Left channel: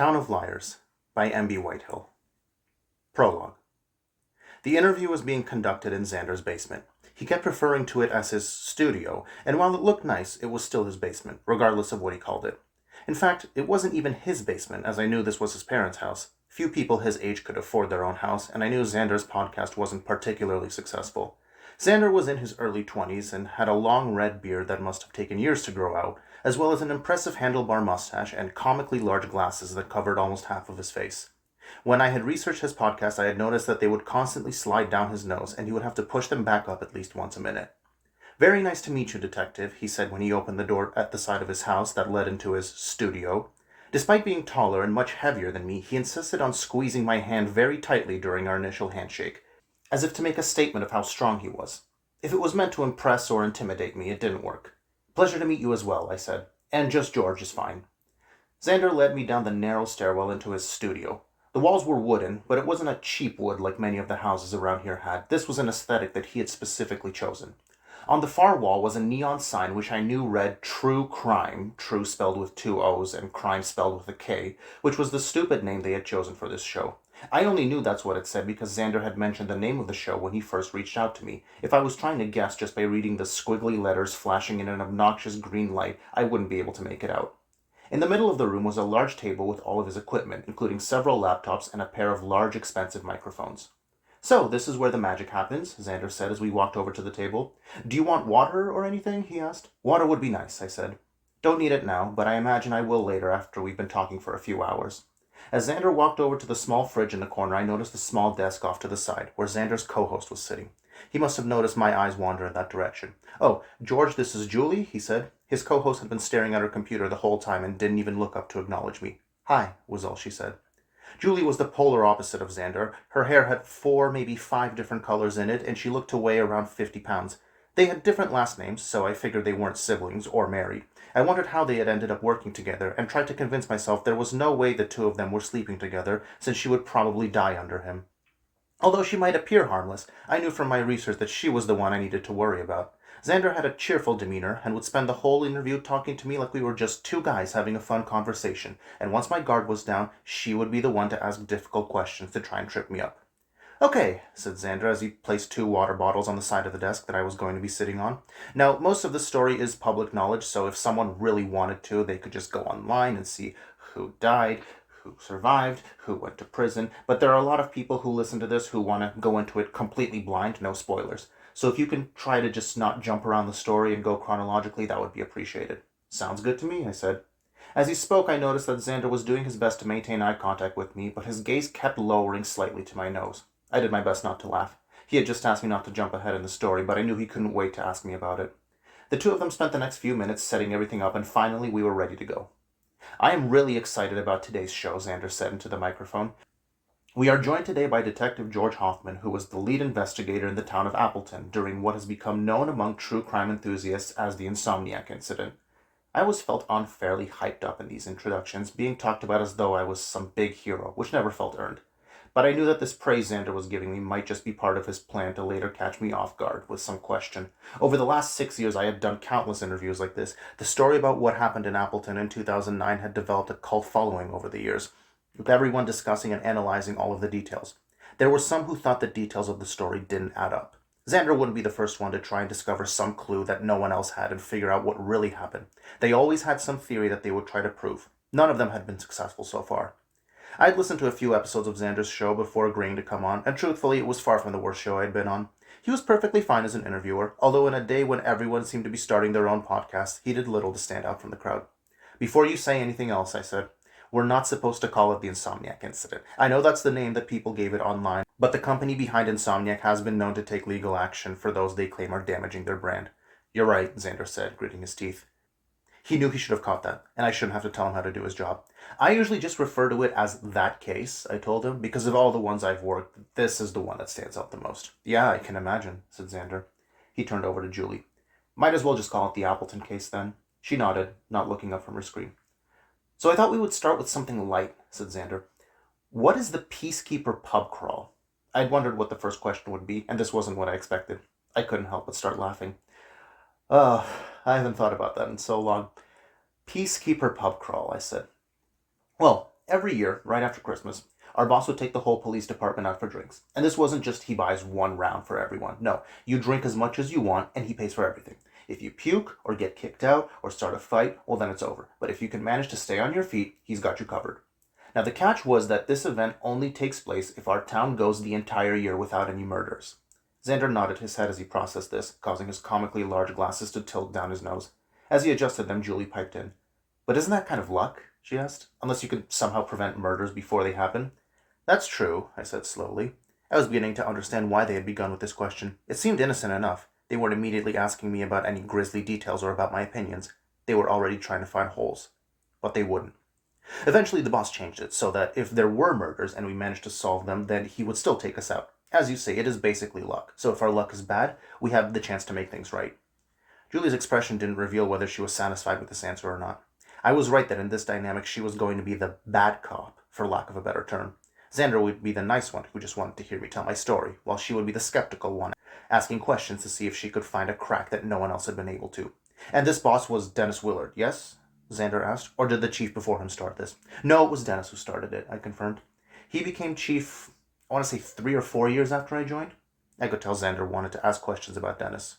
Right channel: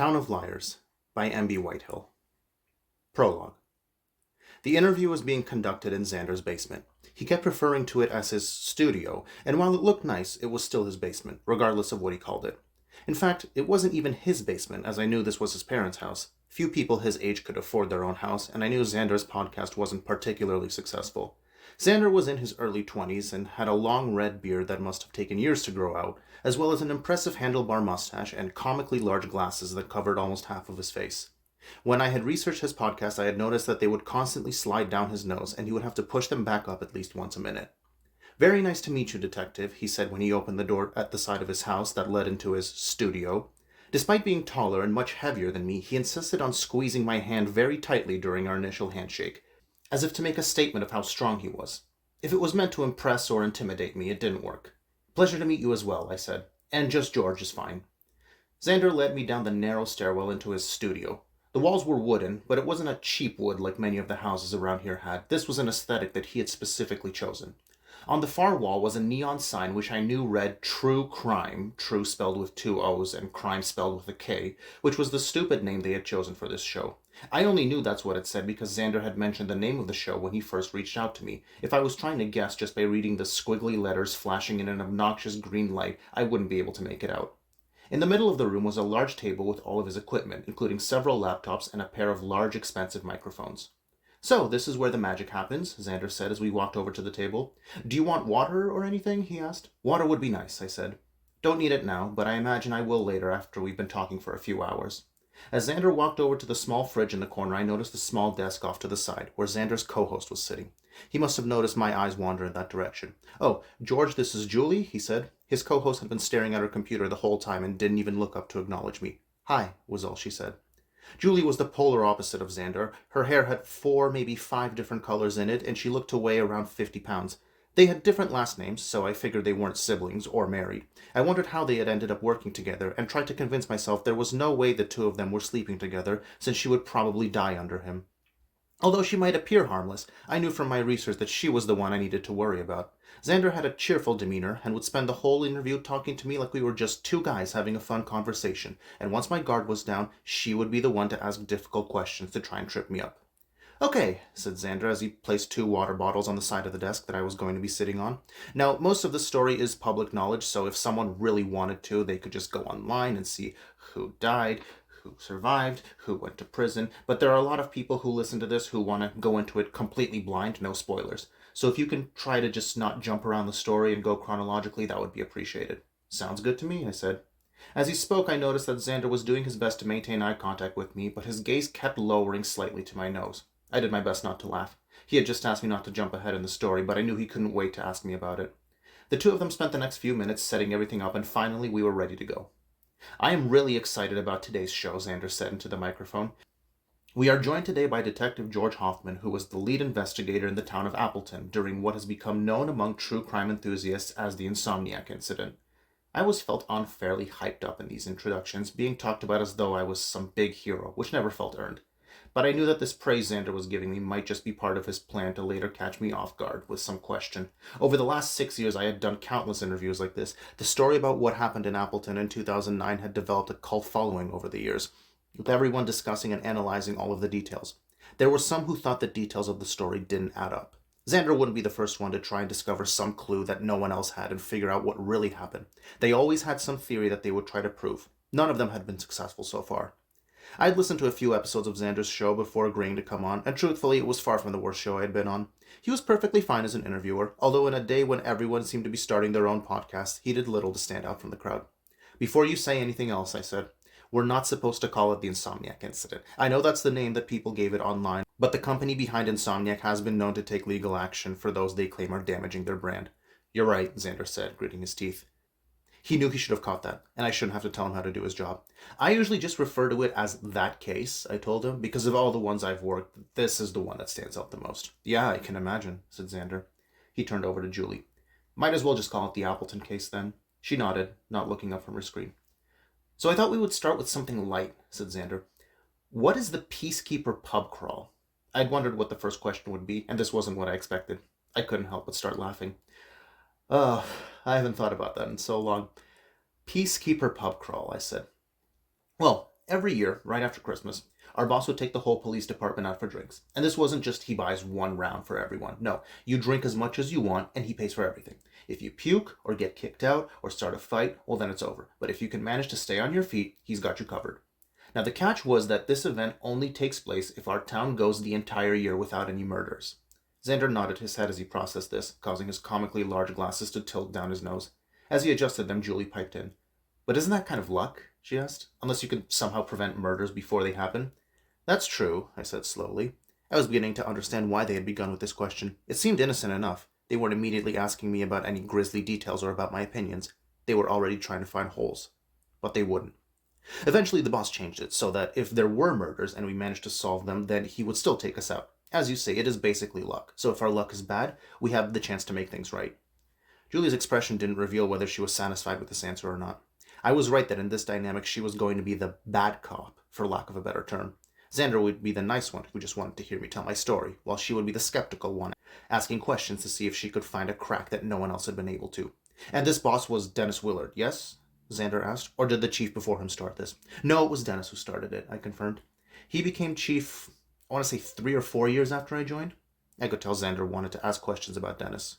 Town of Liars by M.B. Whitehill. Prologue. The interview was being conducted in Xander's basement. He kept referring to it as his studio, and while it looked nice, it was still his basement, regardless of what he called it. In fact, it wasn't even his basement, as I knew this was his parents' house. Few people his age could afford their own house, and I knew Xander's podcast wasn't particularly successful. Xander was in his early 20s and had a long red beard that must have taken years to grow out, as well as an impressive handlebar mustache and comically large glasses that covered almost half of his face. When I had researched his podcast, I had noticed that they would constantly slide down his nose, and he would have to push them back up at least once a minute. "Very nice to meet you, Detective," he said when he opened the door at the side of his house that led into his studio. Despite being taller and much heavier than me, he insisted on squeezing my hand very tightly during our initial handshake, as if to make a statement of how strong he was. If it was meant to impress or intimidate me, it didn't work. "Pleasure to meet you as well," I said. "And just George is fine." Xander led me down the narrow stairwell into his studio. The walls were wooden, but it wasn't a cheap wood like many of the houses around here had. This was an aesthetic that he had specifically chosen. On the far wall was a neon sign which I knew read True Crime, true spelled with two O's and crime spelled with a K, which was the stupid name they had chosen for this show. I only knew that's what it said because Xander had mentioned the name of the show when he first reached out to me. If I was trying to guess just by reading the squiggly letters flashing in an obnoxious green light, I wouldn't be able to make it out. In the middle of the room was a large table with all of his equipment, including several laptops and a pair of large, expensive microphones. "So, this is where the magic happens," Xander said as we walked over to the table. "Do you want water or anything?" he asked. "Water would be nice," I said. "Don't need it now, but I imagine I will later after we've been talking for a few hours." As Xander walked over to the small fridge in the corner, I noticed the small desk off to the side, where Xander's co-host was sitting. He must have noticed my eyes wander in that direction. "Oh, George, this is Julie," he said. His co-host had been staring at her computer the whole time and didn't even look up to acknowledge me. "Hi," was all she said. Julie was the polar opposite of Xander. Her hair had 4, maybe 5 different colors in it, and she looked to weigh around 50 pounds. They had different last names, so I figured they weren't siblings or married. I wondered how they had ended up working together, and tried to convince myself there was no way the two of them were sleeping together, since she would probably die under him. Although she might appear harmless, I knew from my research that she was the one I needed to worry about. Xander had a cheerful demeanor and would spend the whole interview talking to me like we were just two guys having a fun conversation, and once my guard was down, she would be the one to ask difficult questions to try and trip me up. "Okay," said Xander as he placed 2 water bottles on the side of the desk that I was going to be sitting on. "Now, most of the story is public knowledge, so if someone really wanted to, they could just go online and see who died, who survived, who went to prison, but there are a lot of people who listen to this who want to go into it completely blind, no spoilers. So if you can try to just not jump around the story and go chronologically, that would be appreciated." "Sounds good to me," I said. As he spoke, I noticed that Xander was doing his best to maintain eye contact with me, but his gaze kept lowering slightly to my nose. I did my best not to laugh. He had just asked me not to jump ahead in the story, but I knew he couldn't wait to ask me about it. The two of them spent the next few minutes setting everything up, and finally we were ready to go. "I am really excited about today's show," Xander said into the microphone. "We are joined today by Detective George Hoffman, who was the lead investigator in the town of Appleton during what has become known among true crime enthusiasts as the Insomniac incident." I always felt unfairly hyped up in these introductions, being talked about as though I was some big hero, which never felt earned. But I knew that this praise Xander was giving me might just be part of his plan to later catch me off guard with some question. Over the last 6 years, I had done countless interviews like this. The story about what happened in Appleton in 2009 had developed a cult following over the years, with everyone discussing and analyzing all of the details. There were some who thought the details of the story didn't add up. Xander wouldn't be the first one to try and discover some clue that no one else had and figure out what really happened. They always had some theory that they would try to prove. None of them had been successful so far. I had listened to a few episodes of Xander's show before agreeing to come on, and truthfully, it was far from the worst show I had been on. He was perfectly fine as an interviewer, although in a day when everyone seemed to be starting their own podcasts, he did little to stand out from the crowd. "Before you say anything else," I said, "we're not supposed to call it the Insomniac incident. I know that's the name that people gave it online, but the company behind Insomniac has been known to take legal action for those they claim are damaging their brand." "You're right," Xander said, gritting his teeth. He knew he should have caught that, and I shouldn't have to tell him how to do his job. "I usually just refer to it as that case," I told him, "because of all the ones I've worked, this is the one that stands out the most." "Yeah, I can imagine," said Xander. He turned over to Julie. "Might as well just call it the Appleton case, then." She nodded, not looking up from her screen. "So I thought we would start with something light," said Xander. "What is the Peacekeeper pub crawl?" I'd wondered what the first question would be, and this wasn't what I expected. I couldn't help but start laughing. "Oh, I haven't thought about that in so long." "Peacekeeper pub crawl," I said. "Well, Every year, right after Christmas, our boss would take the whole police department out for drinks. And this wasn't just he buys one round for everyone. No, you drink as much as you want and he pays for everything. If you puke or get kicked out or start a fight, well, then it's over. But if you can manage to stay on your feet, he's got you covered. Now, the catch was that this event only takes place if our town goes the entire year without any murders. Xander nodded his head as he processed this, causing his comically large glasses to tilt down his nose. As he adjusted them, Julie piped in. But isn't that kind of luck? She asked. Unless you could somehow prevent murders before they happen. That's true, I said slowly. I was beginning to understand why they had begun with this question. It seemed innocent enough. They weren't immediately asking me about any grisly details or about my opinions. They were already trying to find holes. But they wouldn't. Eventually, the boss changed it so that if there were murders and we managed to solve them, then he would still take us out. As you say, it is basically luck. So if our luck is bad, we have the chance to make things right. Julie's expression didn't reveal whether she was satisfied with this answer or not. I was right that in this dynamic she was going to be the bad cop, for lack of a better term. Xander would be the nice one who just wanted to hear me tell my story, while she would be the skeptical one, asking questions to see if she could find a crack that no one else had been able to. And this boss was Dennis Willard, yes? Xander asked. Or did the chief before him start this? No, it was Dennis who started it, I confirmed. He became chief, I want to say 3 or 4 years after I joined. I could tell Xander wanted to ask questions about Dennis.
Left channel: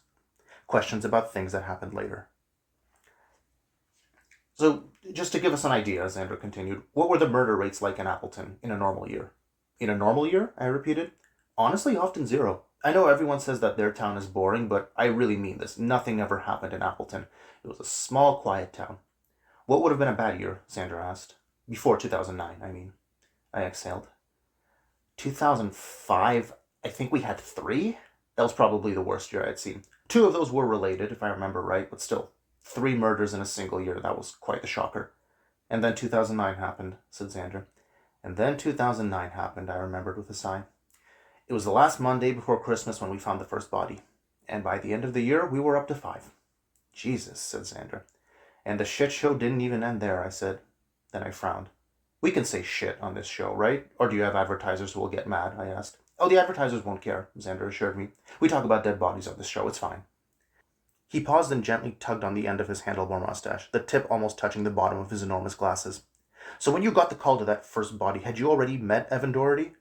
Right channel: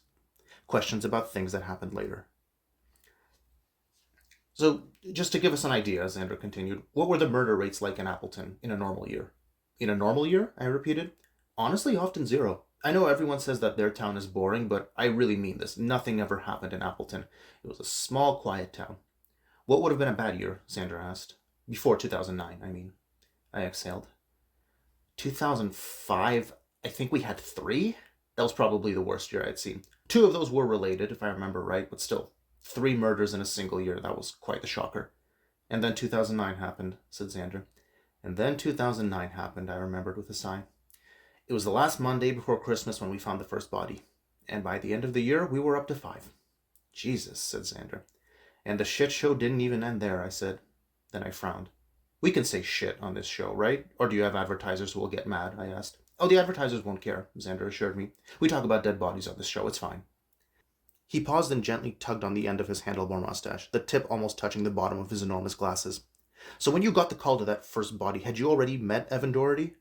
Questions about things that happened later. So, just to give us an idea, Xander continued, what were the murder rates like in Appleton in a normal year? In a normal year? I repeated. Honestly, often zero. I know everyone says that their town is boring, but I really mean this. Nothing ever happened in Appleton. It was a small, quiet town. What would have been a bad year? Xander asked. Before 2009, I mean. I exhaled. 2005, I think we had 3? That was probably the worst year I'd seen. 2 of those were related, if I remember right, but still. 3 murders in a single year, that was quite the shocker. And then 2009 happened, said Xander. And then 2009 happened, I remembered with a sigh. It was the last Monday before Christmas when we found the first body. And by the end of the year, we were up to 5. Jesus, said Xander. And the shit show didn't even end there, I said. Then I frowned. We can say shit on this show, right? Or do you have advertisers who will get mad? I asked. Oh, the advertisers won't care, Xander assured me. We talk about dead bodies on this show, it's fine. He paused and gently tugged on the end of his handlebar mustache, the tip almost touching the bottom of his enormous glasses. So when you got the call to that first body, had you already met Evan Doherty?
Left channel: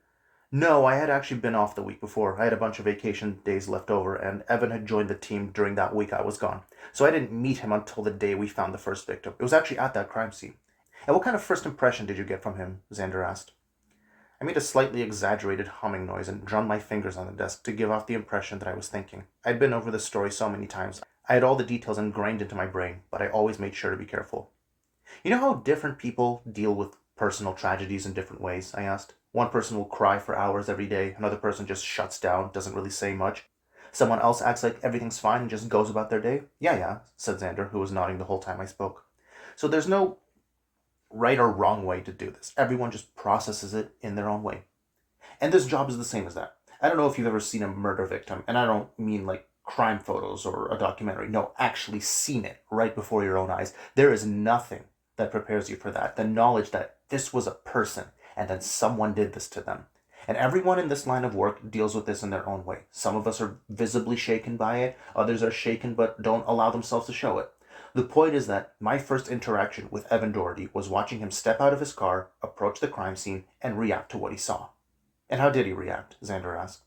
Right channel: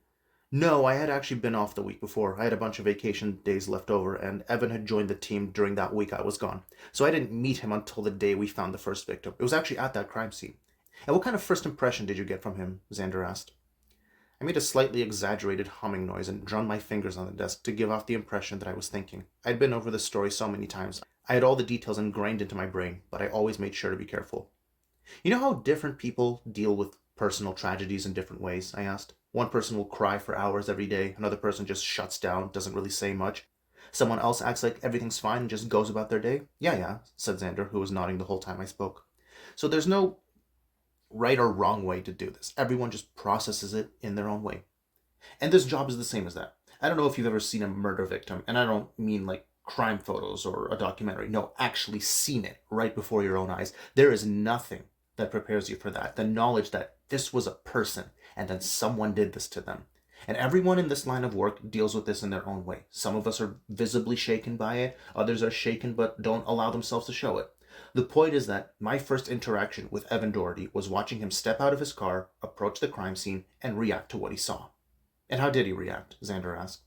No, I had actually been off the week before. I had a bunch of vacation days left over, and Evan had joined the team during that week I was gone. So I didn't meet him until the day we found the first victim. It was actually at that crime scene. And what kind of first impression did you get from him? Xander asked. I made a slightly exaggerated humming noise and drummed my fingers on the desk to give off the impression that I was thinking. I'd been over this story so many times. I had all the details ingrained into my brain, but I always made sure to be careful. You know how different people deal with personal tragedies in different ways? I asked. One person will cry for hours every day. Another person just shuts down, doesn't really say much. Someone else acts like everything's fine and just goes about their day. Yeah, said Xander, who was nodding the whole time I spoke. So there's no right or wrong way to do this. Everyone just processes it in their own way. And this job is the same as that. I don't know if you've ever seen a murder victim, and I don't mean like crime photos or a documentary. No, actually seen it right before your own eyes. There is nothing that prepares you for that. The knowledge that this was a person and then someone did this to them. And everyone in this line of work deals with this in their own way. Some of us are visibly shaken by it. Others are shaken but don't allow themselves to show it. The point is that my first interaction with Evan Doherty was watching him step out of his car, approach the crime scene, and react to what he saw. And how did he react? Xander asked.